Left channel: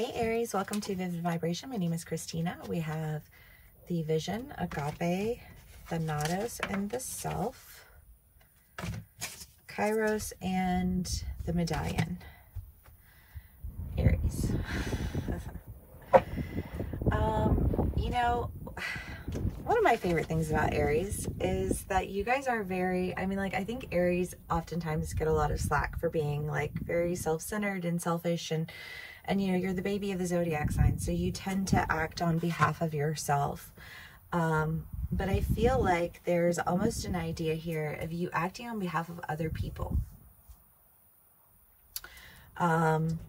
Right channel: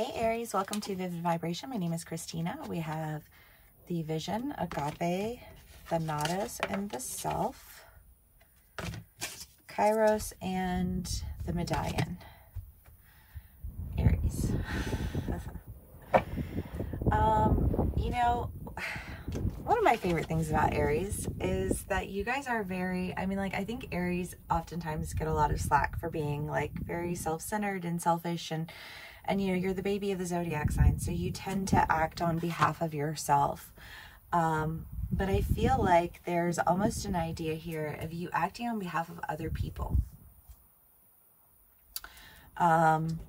Hey Aries, welcome to Vivid Vibration. My name is Christina. We have the Vision, Agape, Thanatos, and the Self, Kairos, and the Medallion. Aries. You know, one of my favorite things about Aries is that you guys are very, I think Aries oftentimes get a lot of slack for being like very self-centered and selfish, and you know, you're the baby of the zodiac sign, so you tend to act on behalf of yourself. But I feel like there's almost an idea here of you acting on behalf of other people. And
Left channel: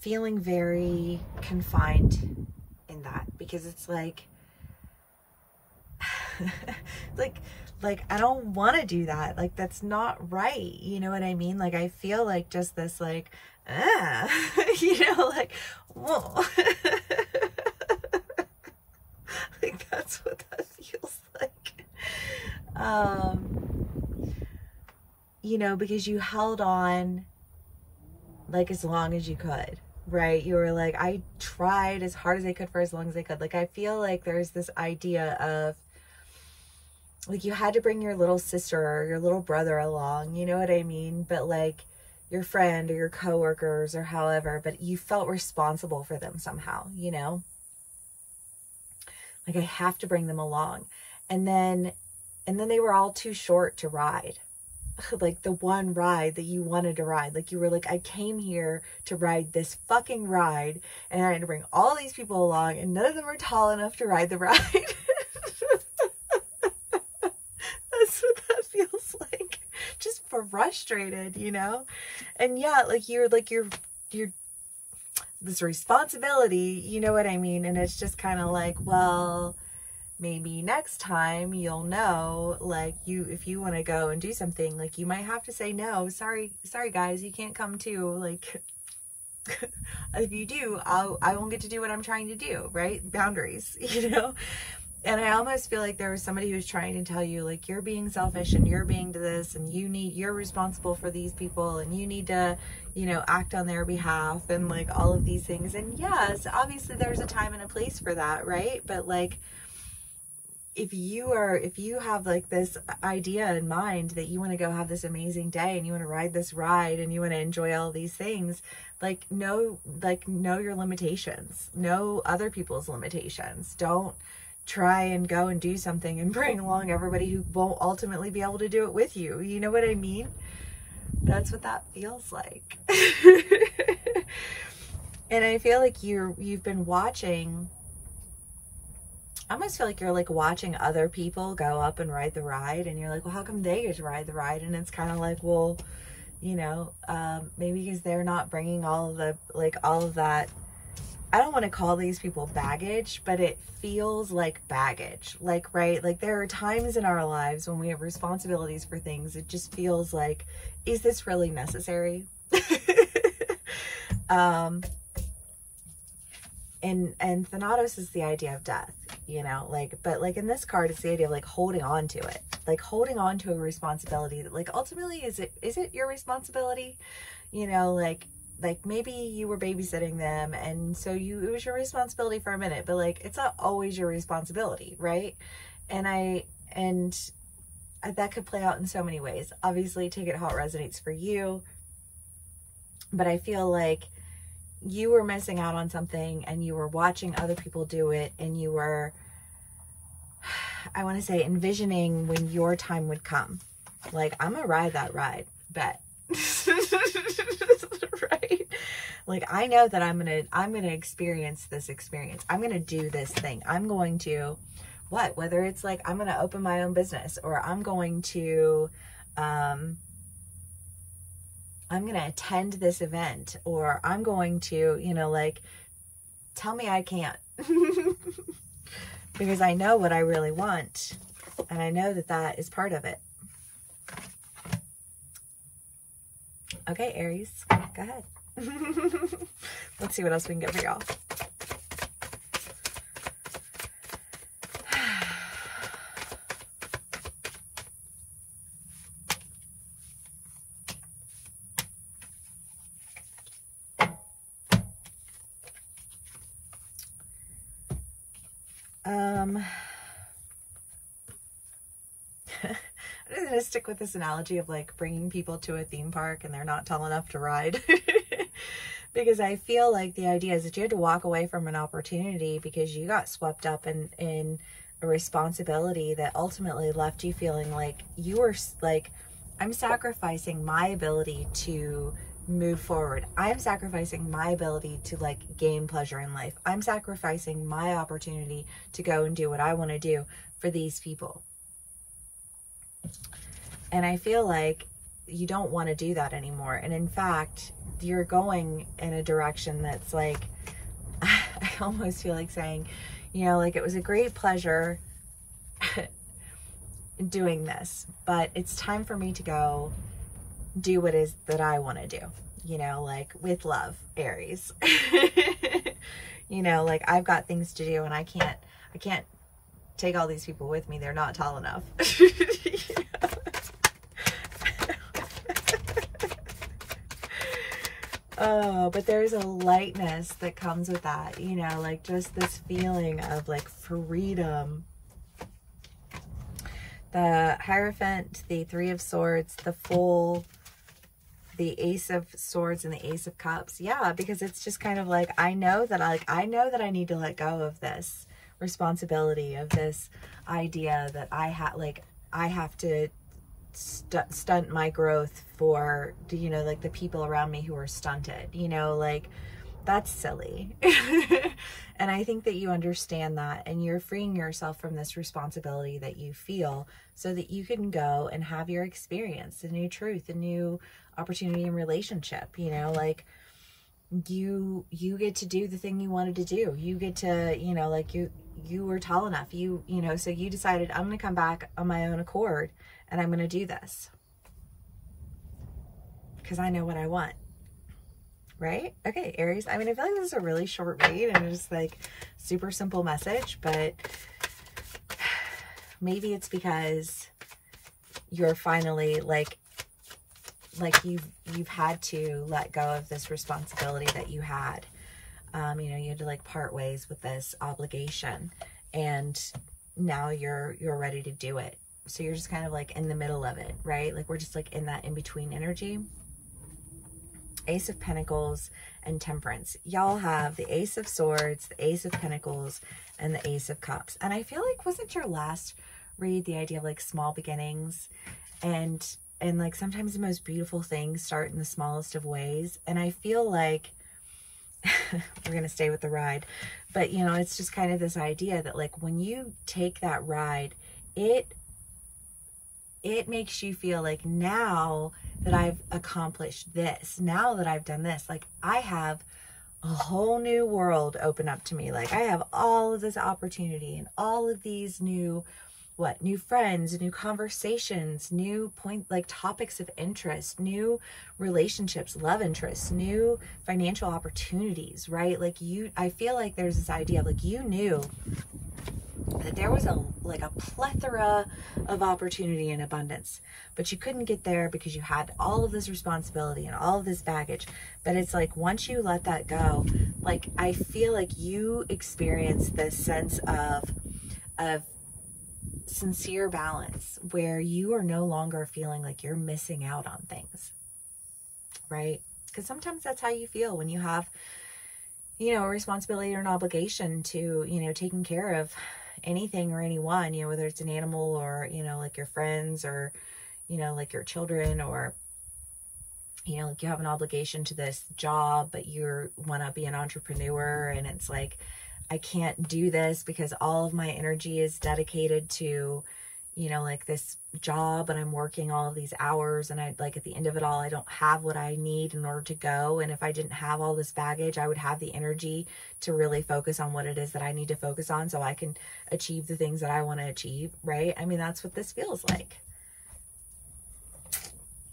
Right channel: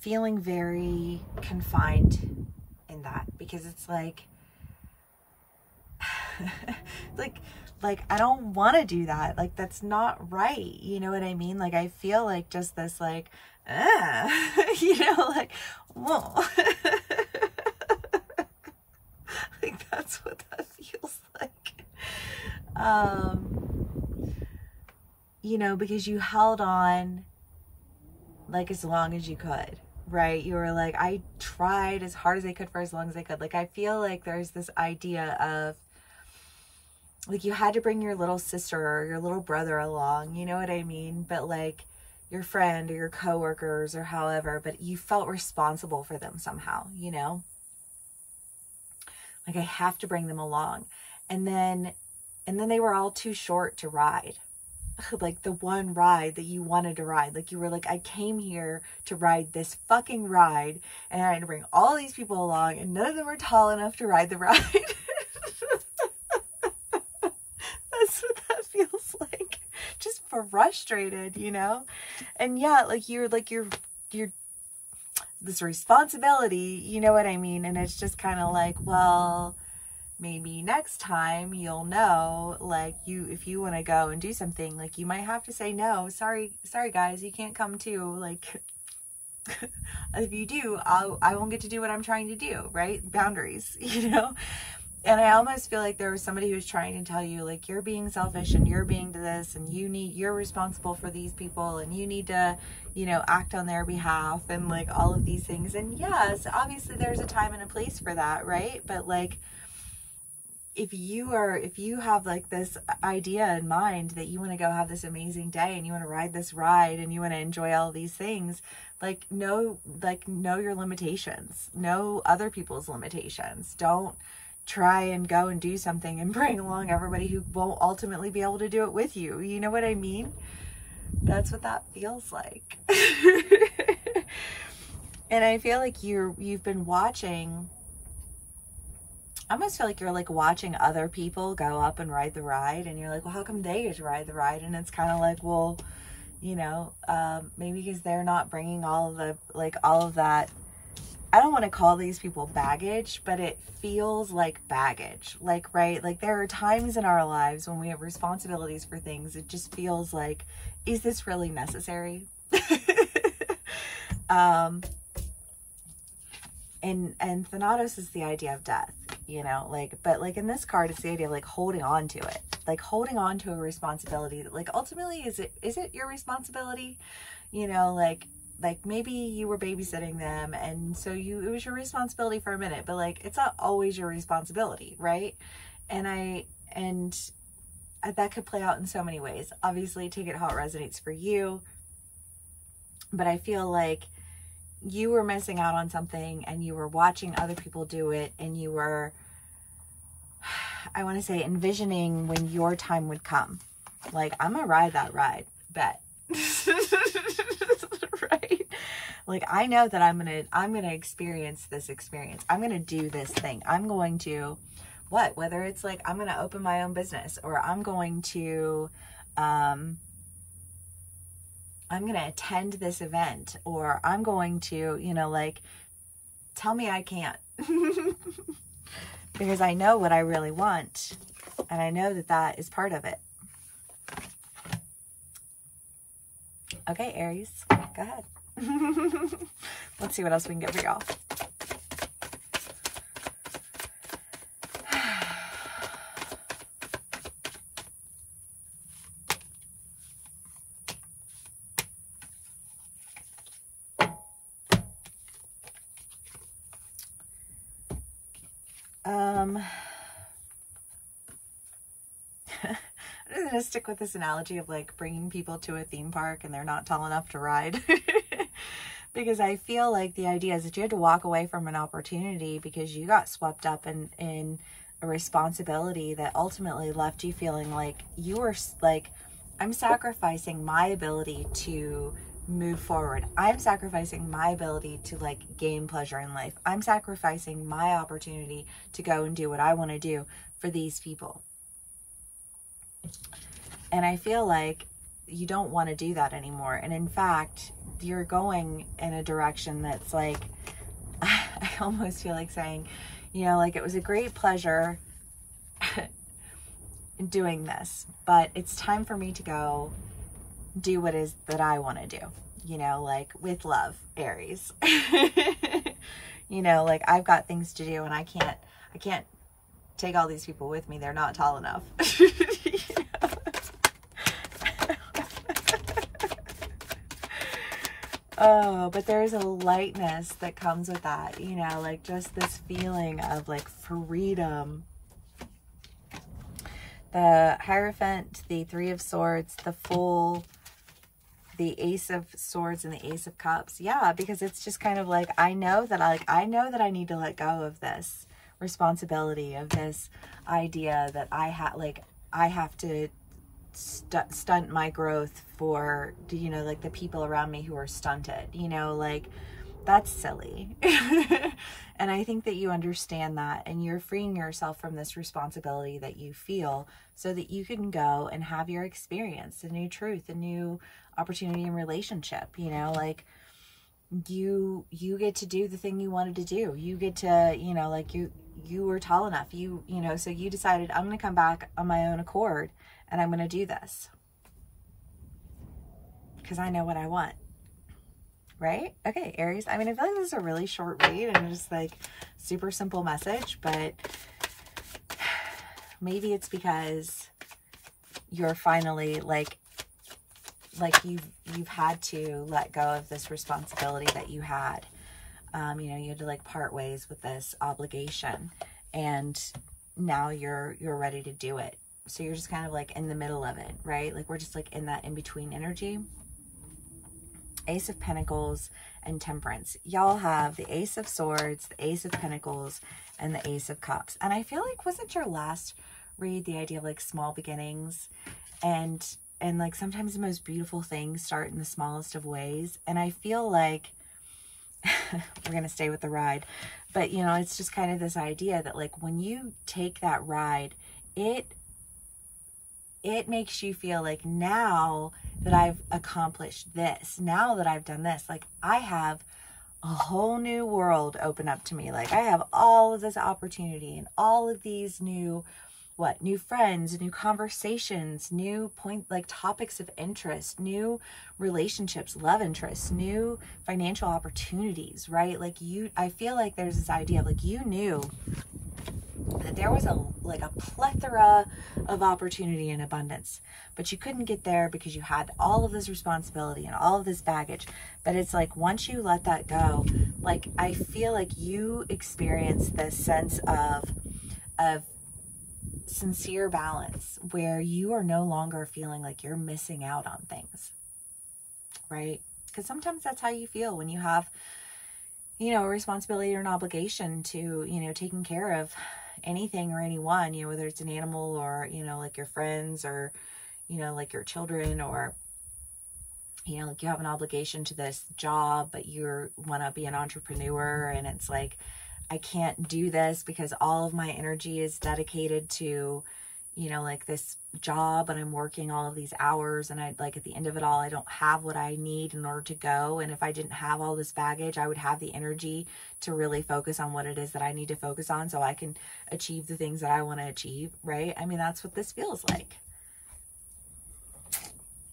feeling very confined in that, because it's like, like I don't want to do that. Like, that's not right. You know what I mean? Like, I feel like just this, like, you know, like, whoa. Like, that's what that feels like. You know, because you held on like as long as you could, right? You were like, I tried as hard as I could for as long as I could. Like, I feel like there's this idea of, like, you had to bring your little sister or your little brother along, you know what I mean? But like your friend or your coworkers or however, but you felt responsible for them somehow, you know? Like, I have to bring them along. And then they were all too short to ride. Like, the one ride that you wanted to ride. Like, you were like, I came here to ride this fucking ride, and I had to bring all these people along, and none of them were tall enough to ride the ride. That's what that feels like. Just frustrated, you know? And yeah, like, you're this responsibility, you know what I mean? And it's just kind of like, well, maybe next time you'll know, like, if you want to go and do something, like, you might have to say no. Sorry guys, you can't come too. Like, if you do, I won't get to do what I'm trying to do, right? Boundaries, you know? And I almost feel like there was somebody who's trying to tell you, like, you're being selfish and you're being to this, and you're responsible for these people, and you need to, you know, act on their behalf, and like all of these things. And yes, obviously there's a time and a place for that, right? But like, if you have like this idea in mind that you want to go have this amazing day, and you want to ride this ride, and you want to enjoy all these things, like, know your limitations, know other people's limitations. Don't try and go and do something and bring along everybody who won't ultimately be able to do it with you. You know what I mean? That's what that feels like. And I feel like you've been watching, I almost feel like you're like watching other people go up and ride the ride, and you're like, well, how come they get to ride the ride? And it's kind of like, well, you know, maybe because they're not bringing all of that. I don't want to call these people baggage, but it feels like baggage. Like, right? Like, there are times in our lives when we have responsibilities for things. It just feels like, is this really necessary? And Thanatos is the idea of death, you know, like, but like in this card, it's the idea of like holding on to it, like holding on to a responsibility that, like, ultimately, is it your responsibility? You know, like maybe you were babysitting them, and so it was your responsibility for a minute, but like, it's not always your responsibility, right? And that could play out in so many ways. Obviously, take it how it resonates for you. But I feel like you were missing out on something, and you were watching other people do it, and you were, I want to say, envisioning when your time would come. Like, I'm gonna ride that ride, bet. Right? Like, I know that I'm gonna experience this experience. I'm gonna do this thing. I'm going to, whether it's like, I'm gonna open my own business, or I'm going to I'm going to attend this event, or I'm going to, you know, like, tell me I can't. Because I know what I really want, and I know that that is part of it. Okay, Aries, go ahead. Let's see what else we can get for y'all. I'm going to stick with this analogy of like bringing people to a theme park and they're not tall enough to ride. Because I feel like the idea is that you had to walk away from an opportunity because you got swept up in a responsibility that ultimately left you feeling like you were like, I'm sacrificing my ability to move forward. I'm sacrificing my ability to like gain pleasure in life. I'm sacrificing my opportunity to go and do what I want to do for these people. And I feel like you don't want to do that anymore. And in fact, you're going in a direction that's like, I almost feel like saying, you know, like it was a great pleasure doing this, but it's time for me to go do what is that I want to do, you know, like with love, Aries. You know, like I've got things to do and I can't take all these people with me. They're not tall enough. Oh, but there's a lightness that comes with that, you know, like just this feeling of like freedom. The Hierophant, the Three of Swords, the Fool, the Ace of Swords, and the Ace of Cups. Yeah, because it's just kind of like, I know that I need to let go of this responsibility, of this idea that I have to stunt my growth for, you know, like the people around me who are stunted, you know, like that's silly. And I think that you understand that and you're freeing yourself from this responsibility that you feel so that you can go and have your experience, a new truth, a new opportunity in relationship, you know, like you get to do the thing you wanted to do. You get to, you know, like you were tall enough, you know, so you decided I'm going to come back on my own accord and I'm going to do this because I know what I want. Right? Okay, Aries. I mean, I feel like this is a really short read and it's just like super simple message, but maybe it's because you're finally like you've had to let go of this responsibility that you had. You know, you had to like part ways with this obligation and now you're ready to do it. So you're just kind of like in the middle of it, right? Like we're just like in that in-between energy. Ace of Pentacles and Temperance. Y'all have the Ace of Swords, the Ace of Pentacles, and the Ace of Cups. And I feel like, wasn't your last read the idea of like small beginnings? And like sometimes the most beautiful things start in the smallest of ways. And I feel like we're going to stay with the ride. But, you know, it's just kind of this idea that like when you take that ride, it makes you feel like now that I've accomplished this, now that I've done this, like I have a whole new world open up to me. Like I have all of this opportunity and all of these new friends, new conversations, new topics of interest, new relationships, love interests, new financial opportunities, right? Like I feel like there's this idea of like, you knew that there was a plethora of opportunity and abundance, but you couldn't get there because you had all of this responsibility and all of this baggage. But it's like, once you let that go, like, I feel like you experience this sense of sincere balance where you are no longer feeling like you're missing out on things, right? Because sometimes that's how you feel when you have, you know, a responsibility or an obligation to, you know, taking care of anything or anyone, you know, whether it's an animal or, you know, like your friends or, you know, like your children, or, you know, like you have an obligation to this job, but you want to be an entrepreneur and it's like, I can't do this because all of my energy is dedicated to, you know, like this job and I'm working all of these hours and I like at the end of it all, I don't have what I need in order to go. And if I didn't have all this baggage, I would have the energy to really focus on what it is that I need to focus on so I can achieve the things that I want to achieve, right? I mean, that's what this feels like.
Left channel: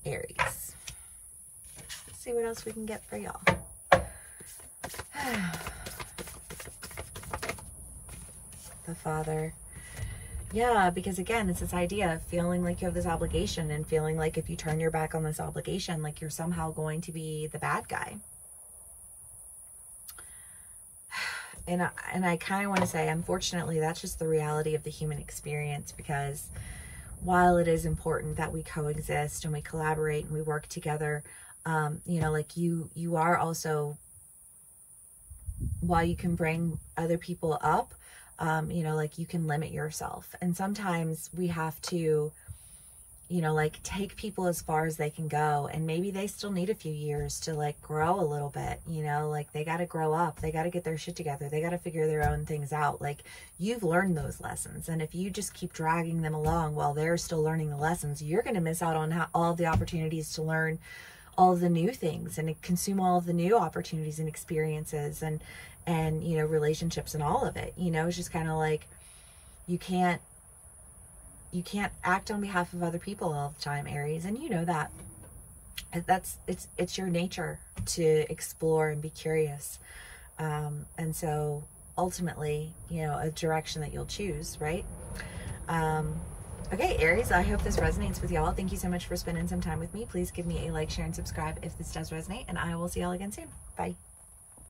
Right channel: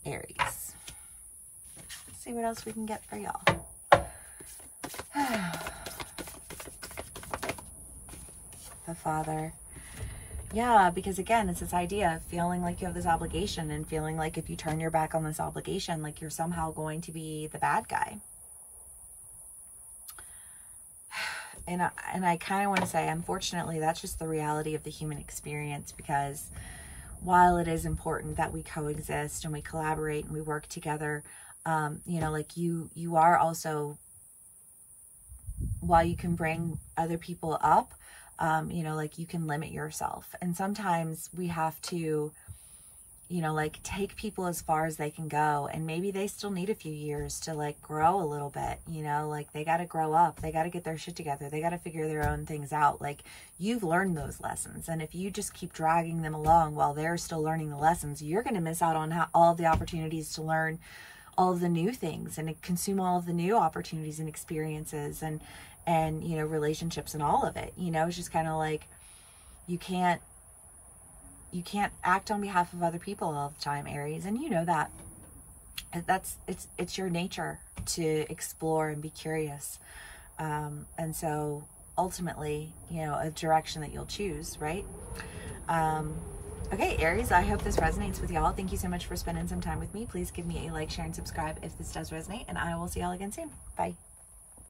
Aries. Let's see what else we can get for y'all. The Father. Yeah, because again, it's this idea of feeling like you have this obligation and feeling like if you turn your back on this obligation, like you're somehow going to be the bad guy. and I kind of want to say, unfortunately, that's just the reality of the human experience, because while it is important that we coexist and we collaborate and we work together, you know, like you are also, while you can bring other people up, you know, like you can limit yourself. And sometimes we have to, you know, like take people as far as they can go, and maybe they still need a few years to like grow a little bit, you know, like they got to grow up, they got to get their shit together, they got to figure their own things out. Like, you've learned those lessons, and if you just keep dragging them along while they're still learning the lessons, you're going to miss out on all of the opportunities to learn all of the new things and consume all of the new opportunities and experiences and you know, relationships and all of it. You know, it's just kind of like, you can't act on behalf of other people all the time, Aries, and you know that. It's your nature to explore and be curious, and so ultimately, you know, a direction that you'll choose, right? Okay, Aries, I hope this resonates with y'all. Thank you so much for spending some time with me. Please give me a like, share, and subscribe if this does resonate, and I will see y'all again soon. Bye.